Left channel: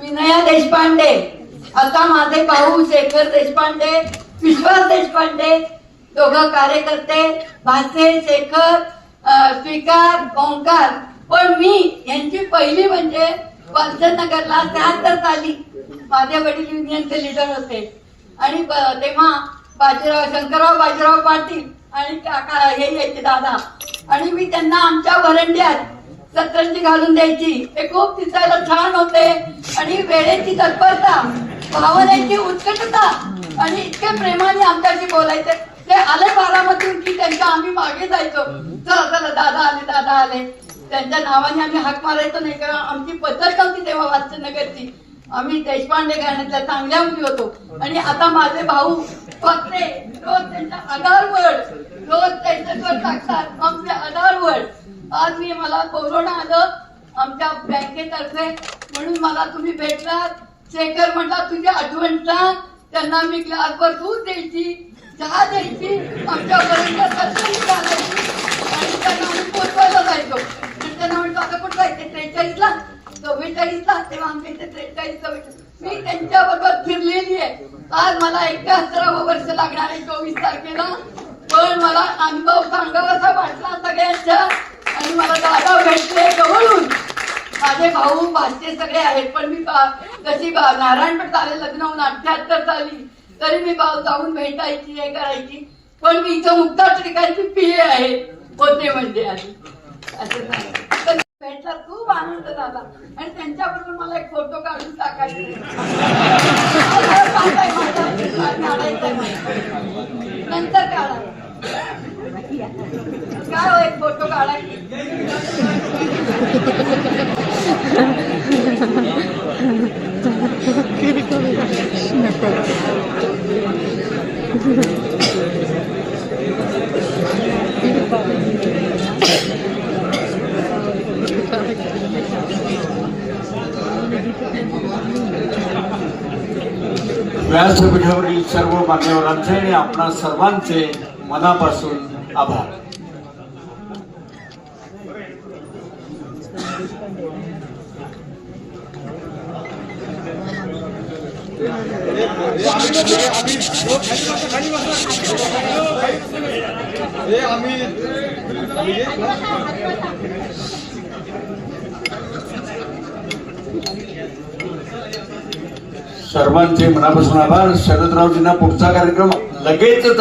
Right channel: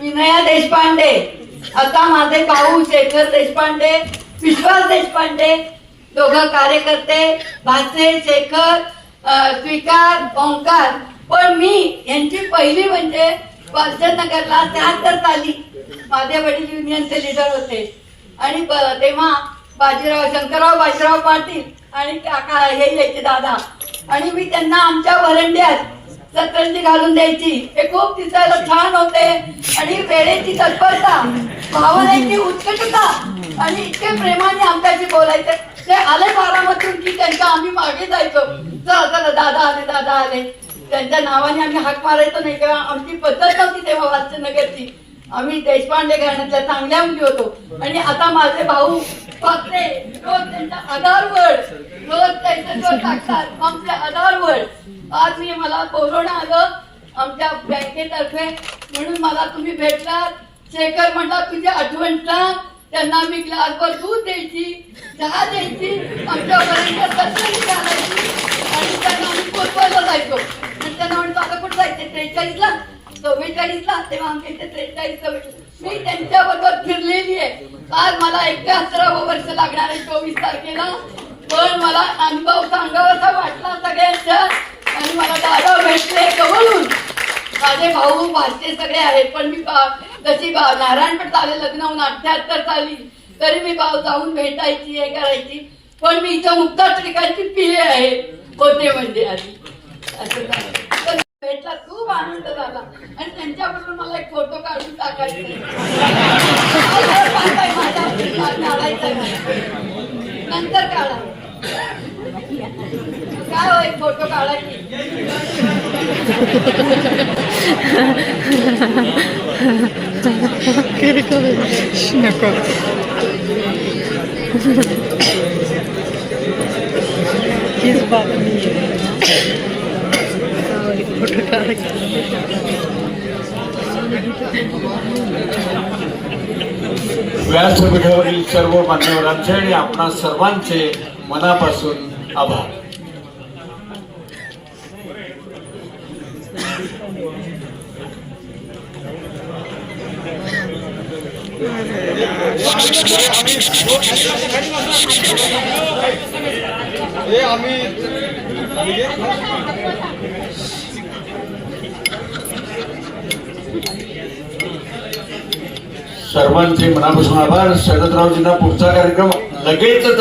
विनया देशपांडे, आता माझे भाऊ शेखर देशपांडे, विश्वास देशपांडे, दोघं कार्यकर्ते, भासे, शेखर, स्वीकार, ओंकार. पण मी यांची पहिली म्हणजे वलचंदनगरला 73 साली माझे वडील युनियनचे लीडर होते आणि तेव्हा शंकरराव बाजीराव पाटील आणि काका हे यायचे दादा, आणि मी त्यांना आमच्या वरंड्यात सतरंजी घालून द्यायची. हे खूप दिसायला छान होते आणि वेळेची तत्परता, भावनेची उत्कटता आणि इतके प्रेमाने आमच्याशी बोलायचे. ते आले बारामतीतून की त्यांच्या आम्ही मागे जायचो, चला चला दादा आले दादा आले, त्यांच्या नावाने आम्ही हाक मारायचो नाही, किंवा आमची पद्धत नव्हती तेव्हा वालचंदनगरची. आम्ही देशपांडे घराण्यातल्या चांगल्या मुली होतो. आणि आता माझे भाऊ फक्ते रोज त्यांच्या आधारवर रोज त्यांच्यावर टाकतात आमच्या आधारवर. आज मी मला बोलवणं आलं आमच्या बँकेतर्फे, म्हणून मला तुम्ही भेटलात. शेखर म्हटला तुझी आठवण सांग, त्यांना मी ग्लासभर दूध द्यायची, चहा द्यायची, आमच्या घराण्याची आणि त्यांना आम्ही पोचवायला जायचो. त्यांना म्हणतो आता कुठं जायचे, 43ला 44ला, तेव्हा आमच्या इथे 43-44 मी त्यांच्याबरोबर फिरलेली आहे. आज मला 71 वर्ष लागणार आहे 24 तारखेला. पण मला अनुभव सांगावासा वाटला सगळ्यांच्या, आणि मला दादा भेटले जवळून. माझे भाऊ भाचे सगळे आहेत, पण मी जशी नारायणपेठ झाले लग्न होऊन 78 साली, तरी मी जाऊन भेटायची हे करायची. पण मी इथं मुक्ता टिकायची पिले आहे होते म्हणजे आधी असं भेटला, खूप आनंद झाला. आणि त्यांच्याबरोबर मला एक फोटो काढून टाकायचे, नंतर काढा काय हो, एक फोटो काढायची. व्यासपीठावरील सर्व मान्यवरांचे आणि आपणा सर्वांचे मनापासून आभार. सर्वांचे मनापासून आभार. शरदरावजींना पुढचा कार्यक्रम लगेच